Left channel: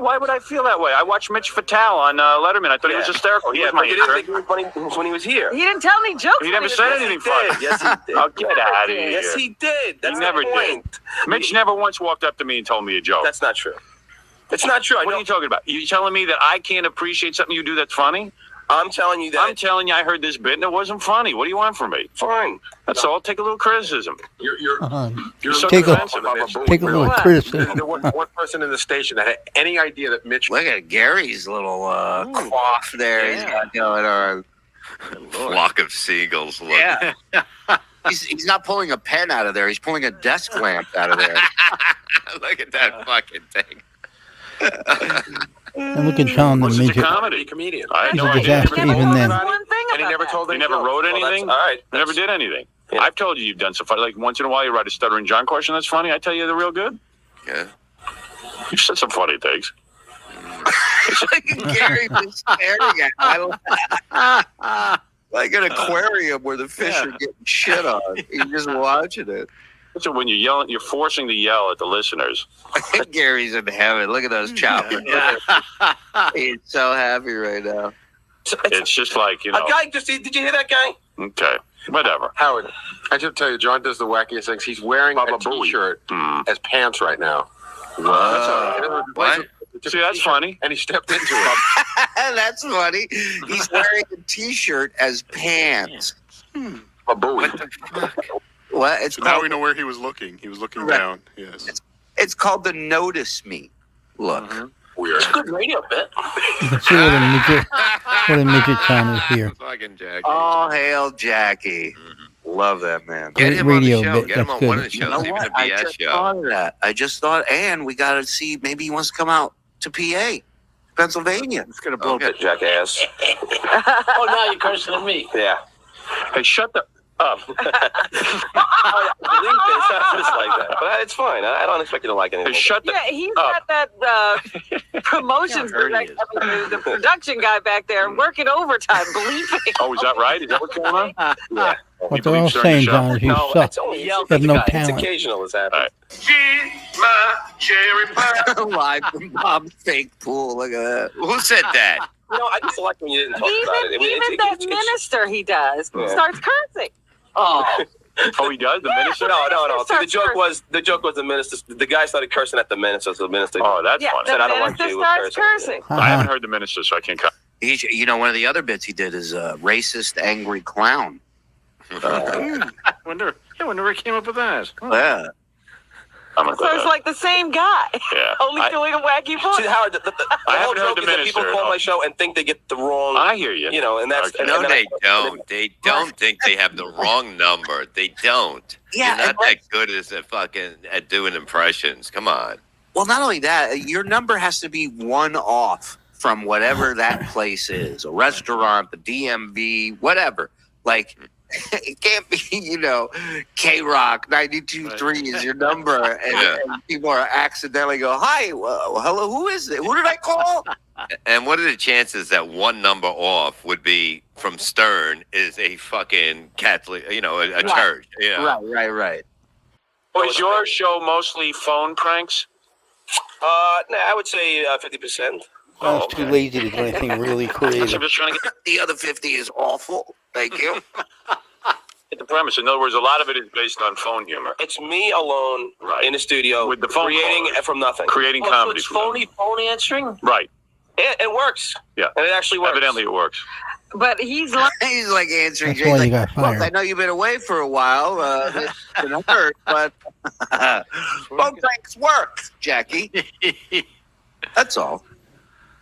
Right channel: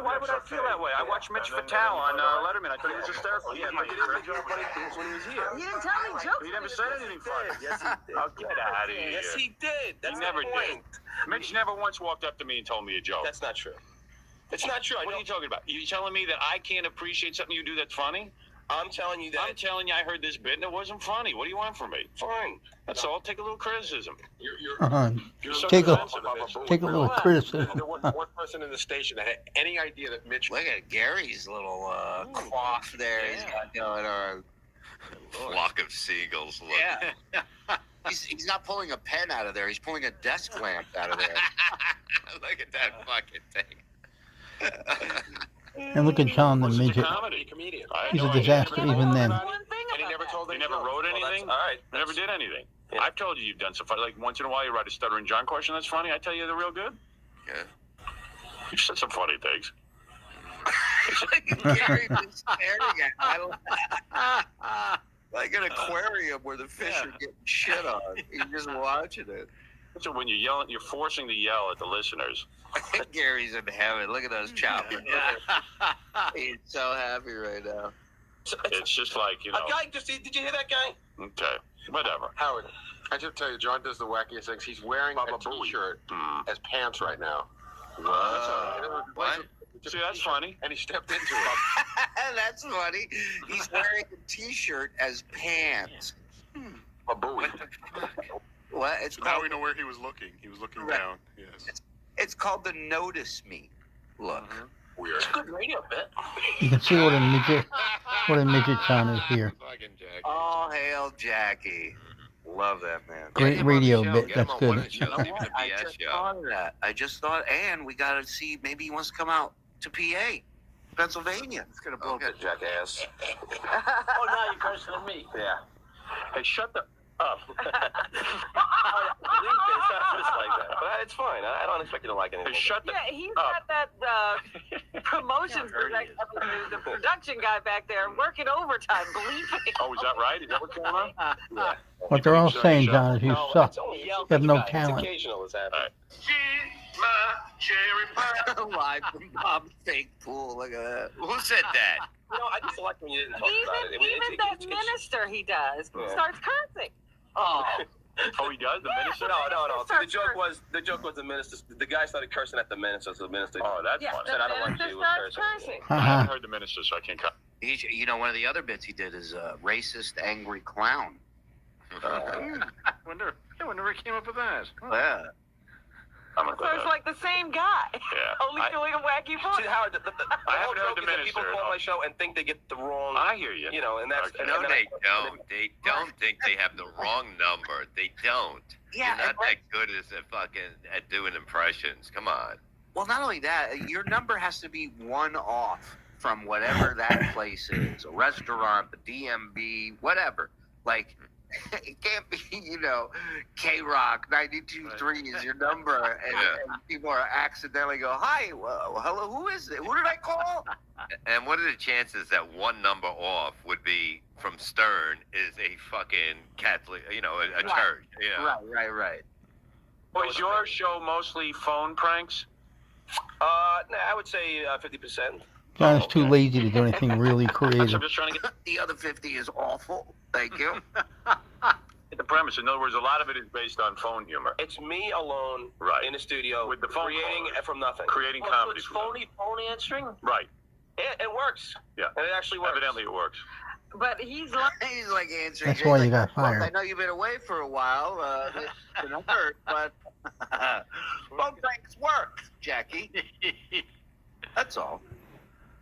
Why would I feel that way? I watched Mitch Fatal on Letterman. I thought he was hysterical. He was my you didn't think he was funny when he was here. He didn't tell any jokes. He never said anything funny. Yes, he did. Oh, get out of here. Yes, he did. That's he never the point. did. Mitch never once walked up to me and told me a joke. That's not true. It's not true. What are you talking about? You telling me that I can't appreciate something you do that's funny? I'm telling you that. I'm telling you I heard this bit and it wasn't funny. What do you want from me? Fine. That's all. Take a little criticism. You're so take defensive. Take a little criticism. There wasn't one person in the station that had any idea that Mitch. Look at Gary's little quaff there he's got going on. Flock of seagulls. Look. Yeah. He's not pulling a pen out of there. He's pulling a desk lamp out of there. Look at that fucking thing. And look at John the It's a midget. comedy. Comedian. I had He's no a idea. disaster even then. And he never told You any never jokes. wrote Well, anything? all right. You never did anything. Yeah. I've told you you've done stuff. Like once in a while you write a stuttering John question that's funny. I tell you they're real good. Yeah. You've said some funny things. Gary was staring at me. Like an aquarium where the fish are getting shit on. He's just watching it. So when you're yelling, you're forcing to yell at the listeners. Gary's in heaven. Look at those choppers. He's so happy right now. It's just like, you know. A guy just, did you hear that guy? Okay, whatever. Howard, I just tell you, John does the wackiest things. He's wearing a T-shirt as pants right now. That's all right. What? See, that's funny. And he stepped into it. That's funny. He's wearing a T-shirt as pants. A buoy. What the fuck? What? It's So now called, we know where he was looking. He was looking Right. down. Yes. it's called the Notice Me look. Weird. It's a good radio bit. You can see what a midget John is here. Fucking Jackie. All hail Jackie. Love that man. Get him on Radio the show. bit, Get him that's on one of good. the You shows, know even what? a I BS just show. thought of that. I just thought, and we got to see, maybe he wants to come out to PA, Pennsylvania. It's going to blow Okay, jackass. Oh, now you're cursing at me. Yeah. Hey, shut the up. Believe me, it's not just like that. But it's fine. I don't expect you to like anything. Hey, shut the Yeah, he's up. got that promotions director, the production guy back there working overtime, bleeping. Oh, is that right? Is that what's going on? Yeah. What they're all saying, John, is you No, suck. it's only You have no It's talent. occasional. It's happening. Live from Bob's fake pool. Look at that. Who said that? You know, I just like when you didn't talk about it. I mean, Even that minister he does starts cursing. Oh, Oh, he does? The minister? No. Starts The joke was the minister. The guy started cursing at the minister. So the minister. Oh, that's Yeah, funny. Said, I the don't like minister you starts cursing. cursing. I haven't heard the minister, so I can't cut. He's, you know, one of the other bits he did is a racist, angry clown. I wonder where he came up with that. Yeah. I'm gonna So it's like the same guy, yeah. only doing a wacky voice. See, Howard, the I whole haven't heard joke the is that people minister, call no. my show and think they get the wrong. I hear you. You know, and that's Okay. and No, then they don't. They don't think they have the wrong number. They don't. Yeah, You're and not that good at doing impressions. Come on. Well, not only that, your number has to be one off from whatever that place is, a restaurant, the DMV, whatever. Like, it can't be, you know, K-Rock 92.3 is your number, and people are accidentally go, hi, well, hello, who is it? Who did I call? And what are the chances that one number off would be from Stern is a fucking Catholic, you know, a church? Yeah. Right. Oh, is your show mostly phone pranks? Nah, I would say 50%. John's too lazy to do anything really I'm creative. just trying to get The other 50 is awful. Thank you. the premise. In other words, a lot of it is based on phone humor. It's me alone Right. in the studio With the phone creating callers. from nothing. Creating so comedy. it's from them. phone answering? Right. It works. Yeah. And it actually works. Evidently it works. But he's like, He's like answering. That's why Jay's you like, got "Look, I fired. know you've been away for a while. It's been hurt, but phone pranks work, Jackie. That's all.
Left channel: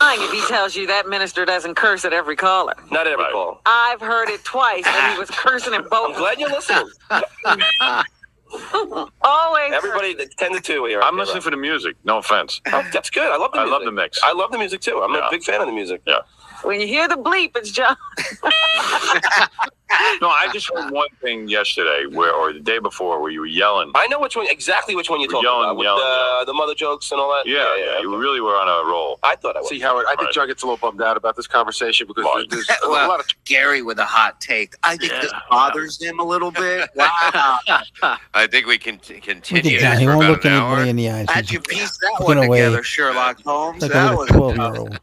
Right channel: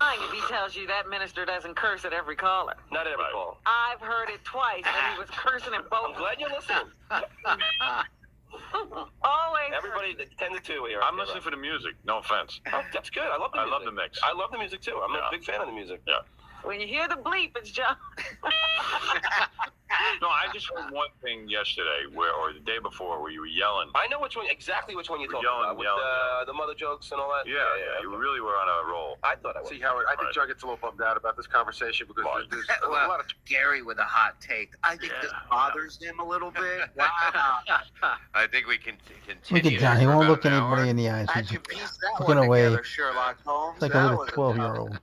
lying if he tells you that minister doesn't curse at every caller. Not every Right. call. I've heard it twice, and he was cursing at I'm both. glad you're listening. Always. Everybody, 10 to 2 here. I'm listening for the music. No offense. Oh, that's good. I love the I music. love the mix. I love the music too. I'm Yeah. a big fan of the music. Yeah. When you hear the bleep, it's John. No, I just heard one thing yesterday, or the day before, where you were yelling. I know exactly which one you're talking Yelling, about. With yelling. the mother jokes and all that. Yeah, you really were on a roll. I thought I was. See, Howard, I think John gets a little bummed out about this conversation because there's a lot of. Gary with a hot take. I think this bothers him a little bit. Wow. I think we can Look continue at John. this He for won't about look an hour. anybody in the eyes. How'd He's you piece that looking one away. together, Sherlock Holmes? like That a was little 12-year-old.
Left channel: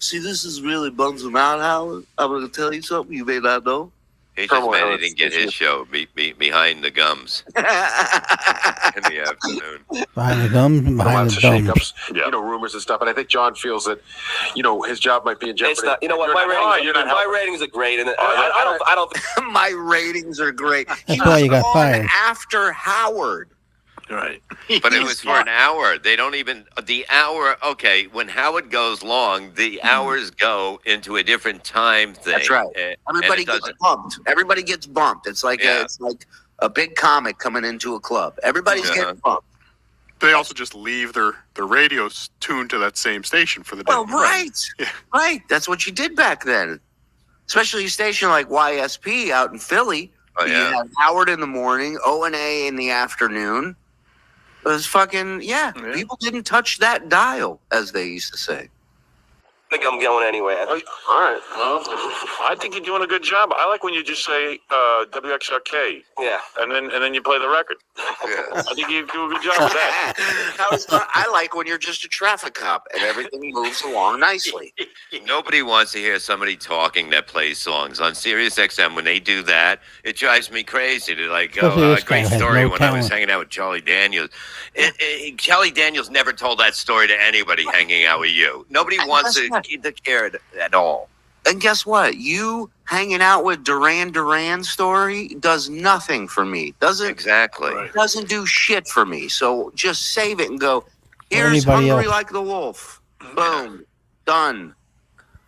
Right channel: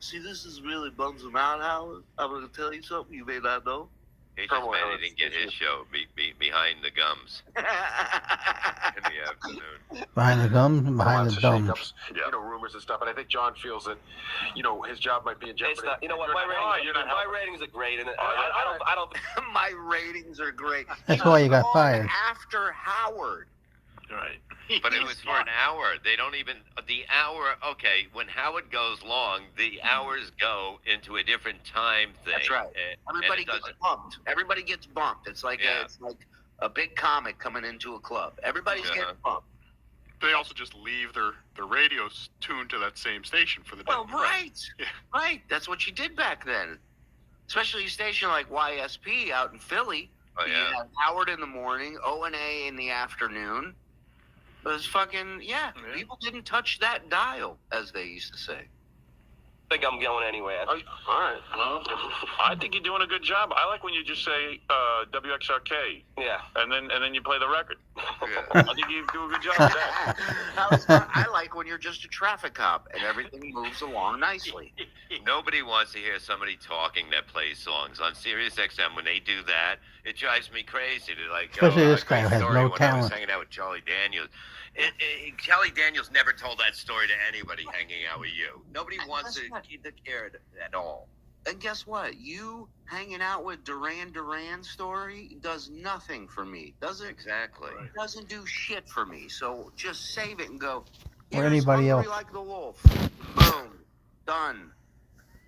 See, this is really bums him out, Howard. I'm going to tell you something you may not know. He just mad he didn't get his show behind the gums in the afternoon. Behind the gums and behind Lots the of thumbs. shakeups, Yeah. rumors and stuff. And I think John feels that, his job might be in jeopardy. It's not. You know what? My ratings are great, and I don't. My ratings are great. That's why you got fired. After Howard. Right. But it was for an hour. They don't even the hour. Okay, when Howard goes long, the hours go into a different time thing. That's right. Everybody and it gets bumped. Everybody gets bumped. It's like a big comic coming into a club. Everybody's getting bumped. They also just leave their radios tuned to that same station for the day. Well, right. Yeah. Right. That's what you did back then. Especially a station like YSP out in Philly. Oh, You yeah. had Howard in the morning, O&A in the afternoon. It was fucking, people didn't touch that dial, as they used to say. I think I'm going anyway. All right. Well, I think you're doing a good job. I like when you just say WXRK. Yeah. And then you play the record. Yeah. I think you do a good job with that. I like when you're just a traffic cop and everything moves along nicely. Nobody wants to hear somebody talking that plays songs on Sirius XM. When they do that, it drives me crazy. They're like, Especially this guy great has story no when I was talent. hanging out with Charlie Daniels. Charlie Daniels never told that story to anybody hanging out with you. Nobody wants to care at all. And guess what? You hanging out with Duran story does nothing for me. Doesn't do shit for me. So just save it and go, here's Anybody Hungry else? Like the Wolf. Boom. Done.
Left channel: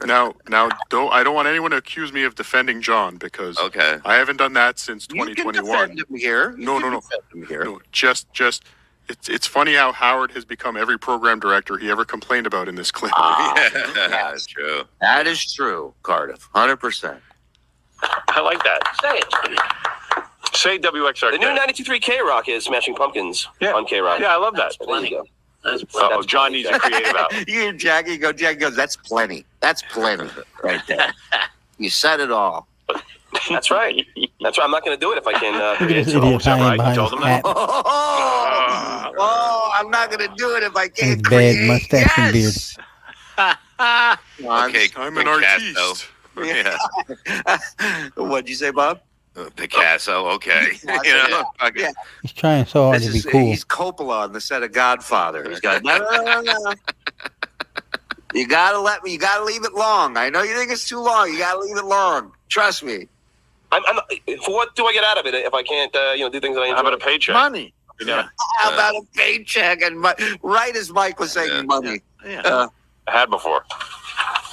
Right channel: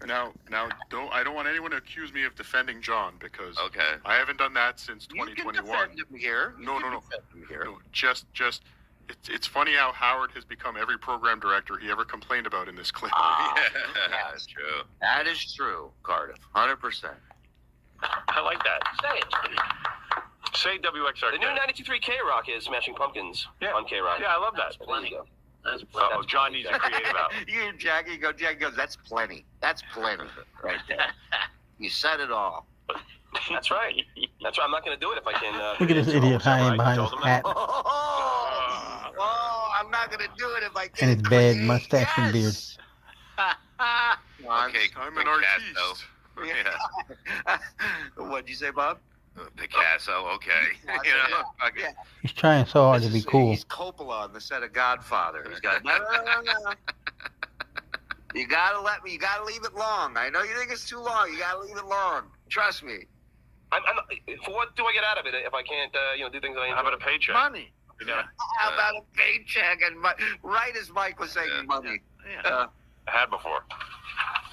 Now, I don't want anyone to accuse me of defending John because I haven't done that since You can 2021. defend him here. No. Just it's funny how Howard has become every program director he ever complained about in this clip. That's true. That is true, Cardiff. 100%. I like that. Say it. Say WXRK. The new 92.3 K-Rock is Smashing Pumpkins on K-Rock. Yeah, I love that. There you go. Oh, John needs to create out. You hear Jackie go, Jackie goes, that's plenty. That's plenty right there. You said it all. That's right. That's right. I'm not going to do it if I can. Look at this idiot hiding behind his hat. Oh, I'm not going to do it if I And can't his bad create. mustache and beard. Okay, I'm an Picasso. artiste. Yeah. What'd you say, Bob? Picasso. Okay. Yeah. He's trying so hard to be cool. He's Coppola on the set of Godfather. He's got no. You gotta leave it long. I know you think it's too long. You gotta leave it long. Trust me. For what do I get out of it if I can't, do things that I enjoy? How about a paycheck? Money. Yeah. How about a paycheck and right as Mike was saying, money. Yeah. I had before.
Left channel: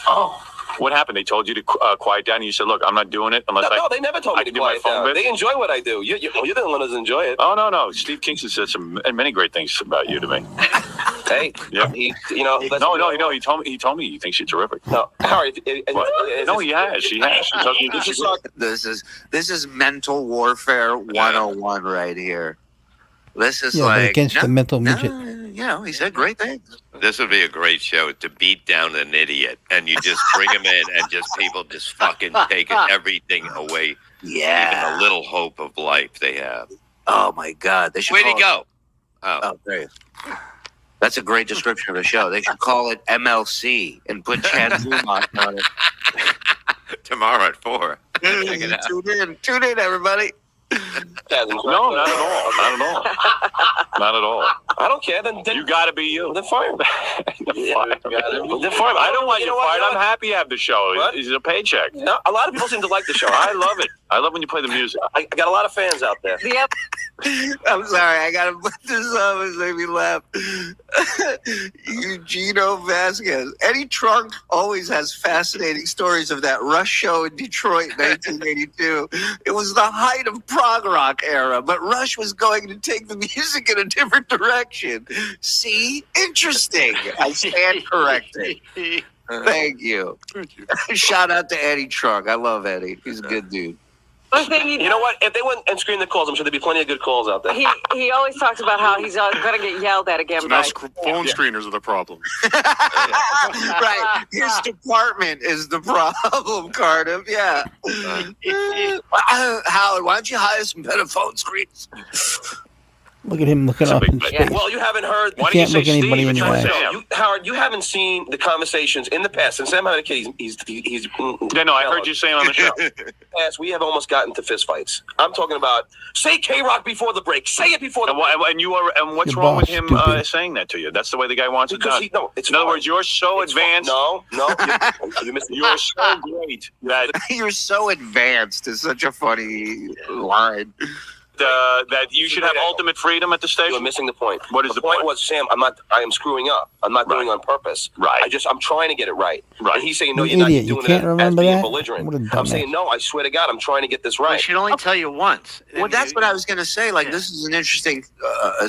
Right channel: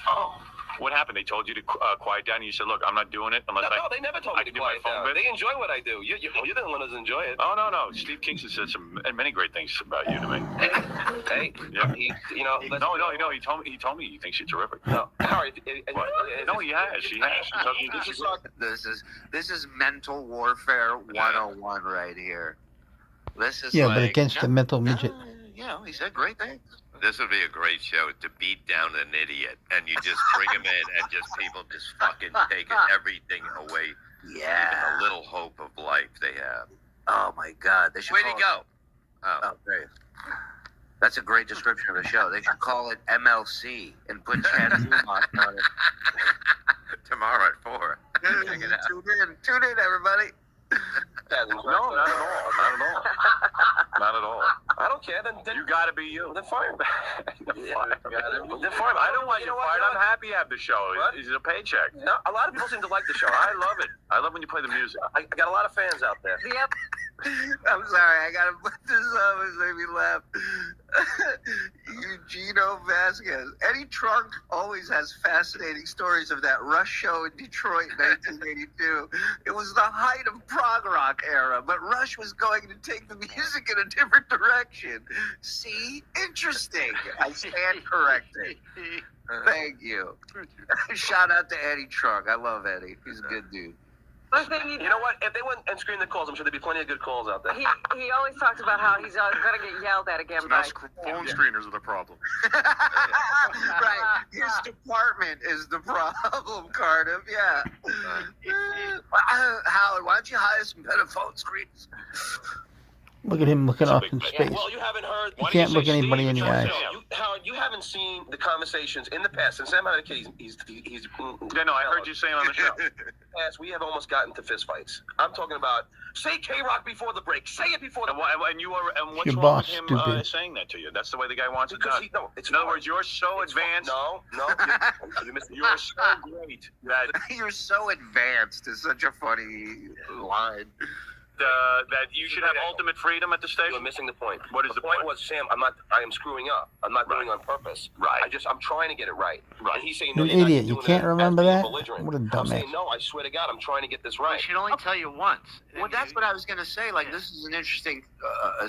Oh. What happened? They told you to quiet down, and you said, "Look, I'm not doing it unless No, they never told I me to can do my quiet phone down. bit." They enjoy what I do. You're the one who doesn't enjoy it. Oh no. Steve Kingston said many great things about you to me. Hey, Yeah. No. He told me he thinks you're terrific. No, Harry. What? No, he has. She has. She tells me This is mental warfare 101 right here. This is Yeah, like but against the mental midget. he said great things. This would be a great show to beat down an idiot, and you just bring him in, and just people just fucking take everything away. Yeah. Even a little hope of life they have. Oh my God. They should Where'd he call go? it- Oh, great. That's a great description of the show. They should call it MLC and put Chad Zumach on it. Tomorrow at 4. Check it out. Tune in, everybody. No, not at all. Not at all. Not at all. I don't care. Then You got to be you. Then fire him. Then fire him. I don't want you fired. I'm happy to have the show. What? It's a paycheck. No, a lot of people seem to like the show. I love it. I love when you play the music. I got a lot of fans out there. Yep. I'm sorry, I gotta put this up. It made me laugh. Eugenio Vasquez. Eddie Trunk always has fascinating stories of that Rush show in Detroit in 1982. It was the height of prog rock era, but Rush was going to take the music in a different direction. See? Interesting. I stand corrected. Thank you. Thank you. Shout out to Eddie Trunk. I love Eddie. He's a good dude. One thing You know what? If they went and screened the calls, I'm sure there'd be plenty of good calls out there. he always talks about how he's going to get yelled at again So by now phone screeners are the problem. Right. His department is the problem, Cardiff. Yeah. Howard, why don't you hire some better phone screens? Look at him looking It's a up big in thing. space. Well, you haven't heard. You can't look anybody in the eye. Howard, you haven't seen the conversations in the past. Since Sam had a kid, he's Yeah, no, I heard you saying on the show. past, we have almost gotten to fist fights. I'm talking about say K-Rock before the break. Say it before the break. And what's Your wrong with boss him stupid. saying that to you? That's the way the guy wants it Because done. it's In other fine. words, you're so It's advanced. No, you missed it. You're so great that You're so advanced is such a funny line. that you should have ultimate freedom at the You're station. missing the point. What is the point? was, Sam, I am screwing up. I'm not doing it on purpose. Right. I'm trying to get it right. Right. And he's saying, no, You you're not idiot. doing You can't it remember as being that? belligerent. What a I'm dumbass. saying, no, I swear to God, I'm trying to get this I right. should only tell you once. Well, that's what I was going to say. Like, Yeah. this is an interesting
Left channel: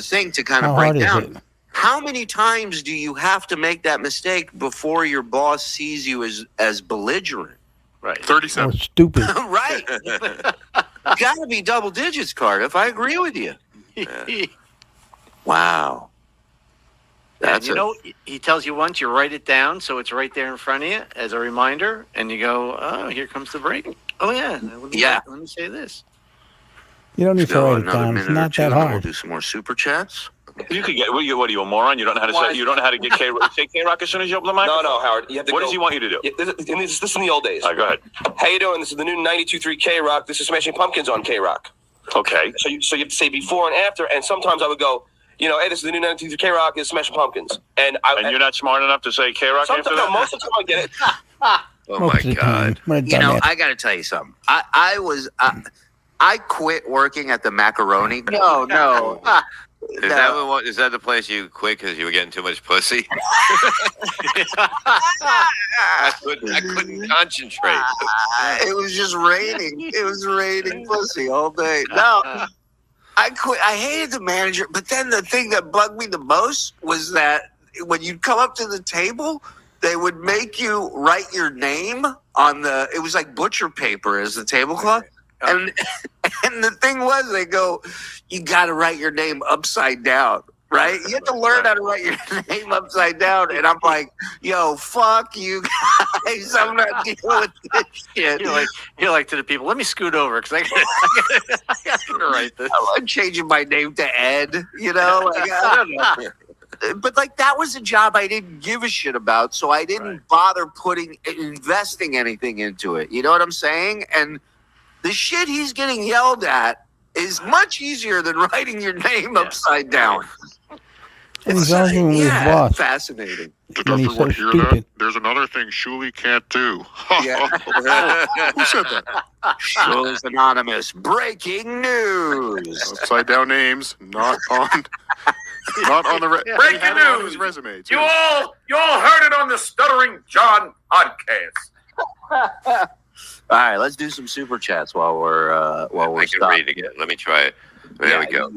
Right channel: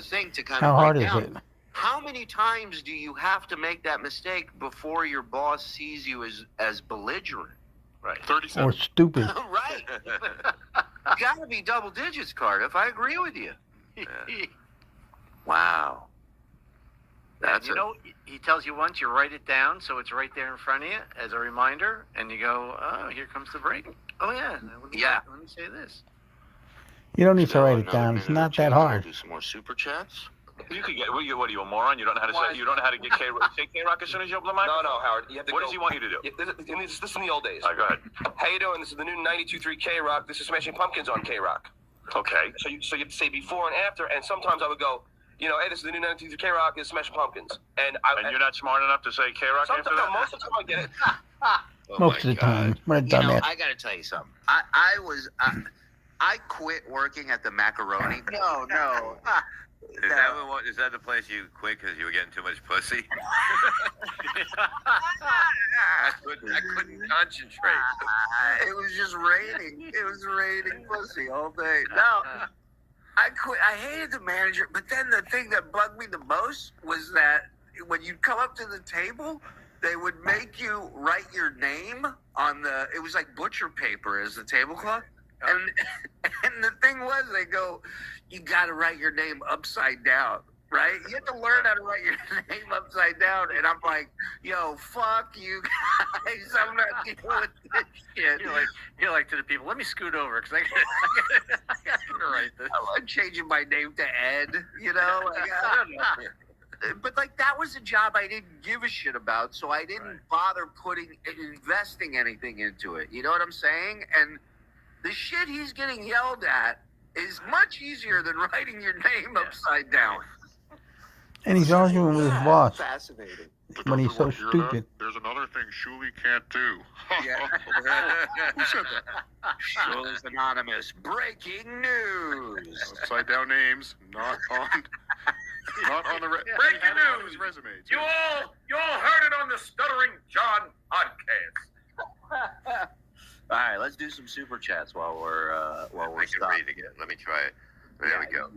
thing to kind How of break hard is down. it? How many times do you have to make that mistake before your boss sees you as belligerent? Right. Or 37. stupid. Right. Got to be double digits, Cardiff. I agree with you. Wow. That's you know, he tells you once, you write it down, so it's right there in front of you as a reminder, and you go, "Oh, here comes the break." Oh yeah, Let me say this. You don't need to write it another down. It's minute or not two, that and then hard. We'll do some more super chats. You could get. What are you, a moron? You don't know how to say. You don't know how to get say K-Rock as soon as you open the microphone. No, Howard. You have to What go. does he want you to do? Yeah, this is in the old days. All right, go ahead. How you doing? This is the new 92.3 K-Rock. This is Smashing Pumpkins on K-Rock. Okay. So you have to say before and after, and sometimes I would go, hey, this is the new 92.3 K-Rock. This is Smashing Pumpkins. And you're not smart enough to say K-Rock after sometimes, that? most of the time I get it. Oh Most my of the God. time. What a You know, dumbass. I got to tell you something. I quit working at the macaroni. No. Is that the place you quit because you were getting too much pussy? I couldn't concentrate. It was just raining. It was raining pussy all day. No, I quit. I hated the manager. But then the thing that bugged me the most was that when you'd come up to the table, they would make you write your name on the. It was like butcher paper as the tablecloth. And the thing was, they go, you got to write your name upside down, right? You have to learn how to write your name upside down. And I'm like, yo, fuck you guys. I'm not dealing with this shit. You're like to the people. Let me scoot over because I got to write this. I'm changing my name to Ed, you know? Like, I don't know. But like that was a job I didn't give a shit about, so I didn't bother investing anything into it. You know what I'm saying? And the shit he's getting yelled at is much easier than writing your name upside down. And he's arguing with his boss Fascinating. when he's so Hear that? stupid. There's another thing Shuli can't do. Yeah. Who said that? Shula's Anonymous. Breaking news. Upside down names, not on the Breaking he had it on news. his resume. Too. You all heard it on the Stuttering John podcast. All right, let's do some super chats while we're I can stopping. read again. Let me try it. There we go.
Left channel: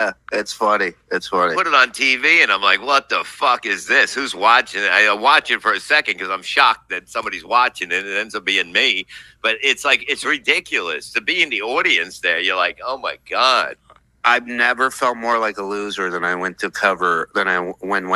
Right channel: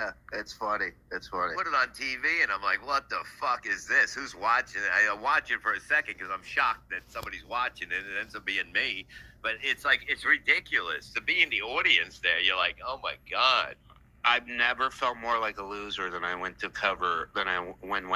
Yeah, it's funny. It's funny. Put it on TV, and I'm like, what the fuck is this? Who's watching it? I watch it for a second because I'm shocked that somebody's watching it. It ends up being me. But it's like, it's ridiculous. To be in the audience there, you're like, oh my God. I've never felt more like a loser than I went to cover when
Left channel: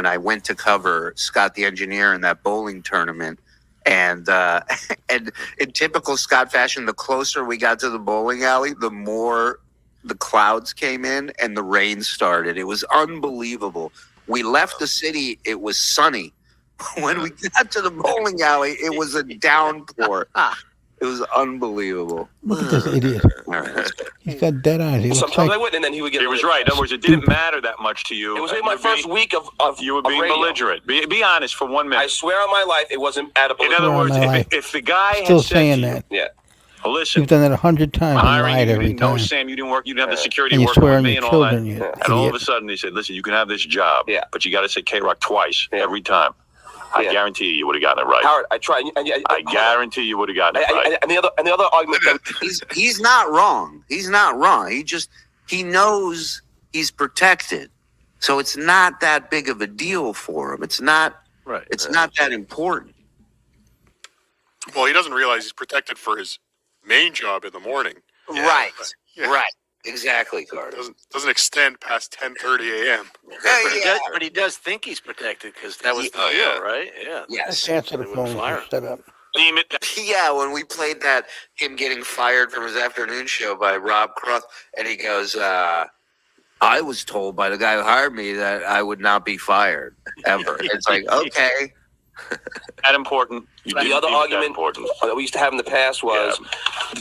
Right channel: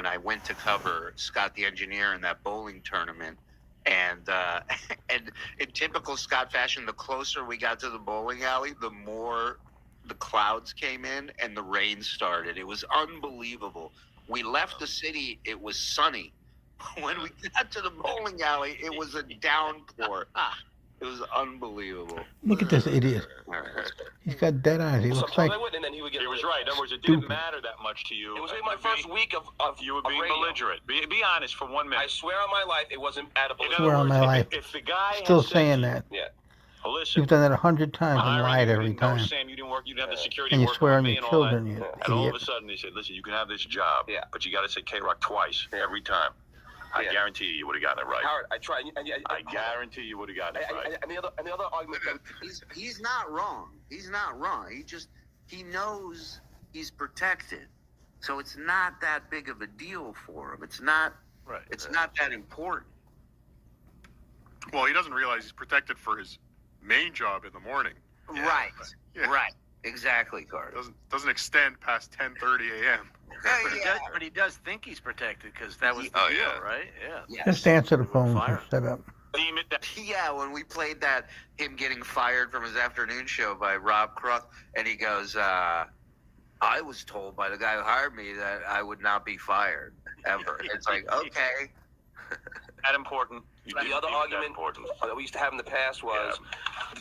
I went to cover Scott the Engineer in that bowling tournament. And and in typical Scott fashion, the closer we got to the bowling alley, the more the clouds came in and the rain started. It was unbelievable. We left the city, it was sunny. When we got to the bowling alley, it was a downpour. It was unbelievable. Look at this idiot. All right. He's got dead eyes. He looks Sometimes I like would, and then he would get. He was right. In other words, it didn't matter that much to you. It was my first week of You were of being radio. belligerent. Be honest for 1 minute. I swear on my life, it wasn't at a In belligerent. other words, Swear on my life. if the guy still had said saying to you, that. Yeah. well, listen, You've done that 100 times and hiring lied you every didn't know, time. Sam, you didn't work. You didn't have the security And you working swear with on me your and all that. children, you And all of a idiot. sudden, they said, listen, you can have this job, Yeah. but you got to say K-Rock twice Yeah. every time. I Yeah. guarantee you would have gotten it right. Howard, I tried. I guarantee you would have gotten it right. And the other argument. He's not wrong. He's not wrong. He knows he's protected. So it's not that big of a deal for him. It's not Right. it's not that important. Well, he doesn't realize he's protected for his main job in the morning. Right. Yeah. Right. Exactly, Carter. Doesn't extend past 10:30 a.m. But he does think he's protected because that was the deal, right? Yeah. Yes. Just answer the They wouldn't phone fire instead of. Yeah, when we played that, him getting fired from his afternoon show by Rob Croft, and he goes, I was told by the guy who hired me that I would not be fired ever. It's like, okay. That important. The other argument that we used to have in the past was,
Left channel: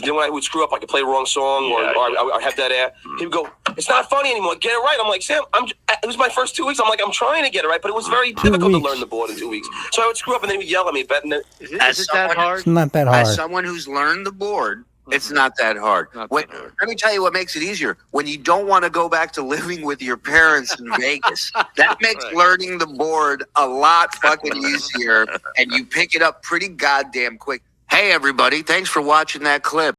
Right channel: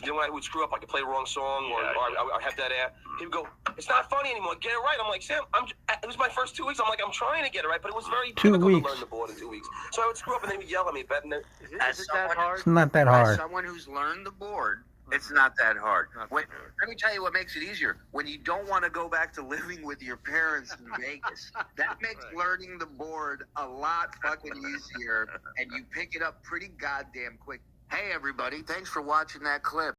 when I would screw up, I could play the wrong song, or I have that air. He would go, "It's not funny anymore. Get it right." I'm like, Sam, it was my first 2 weeks. I'm like, I'm trying to get it right, but it was very difficult to learn the board in 2 weeks. So I would screw up, and then he would yell at me. But Is it that hard? It's not that hard. As someone who's learned the board, it's not that hard. Let me tell you what makes it easier. When you don't want to go back to living with your parents in Vegas, that makes learning the board a lot fucking easier, and you pick it up pretty goddamn quick. Hey, everybody, thanks for watching that clip.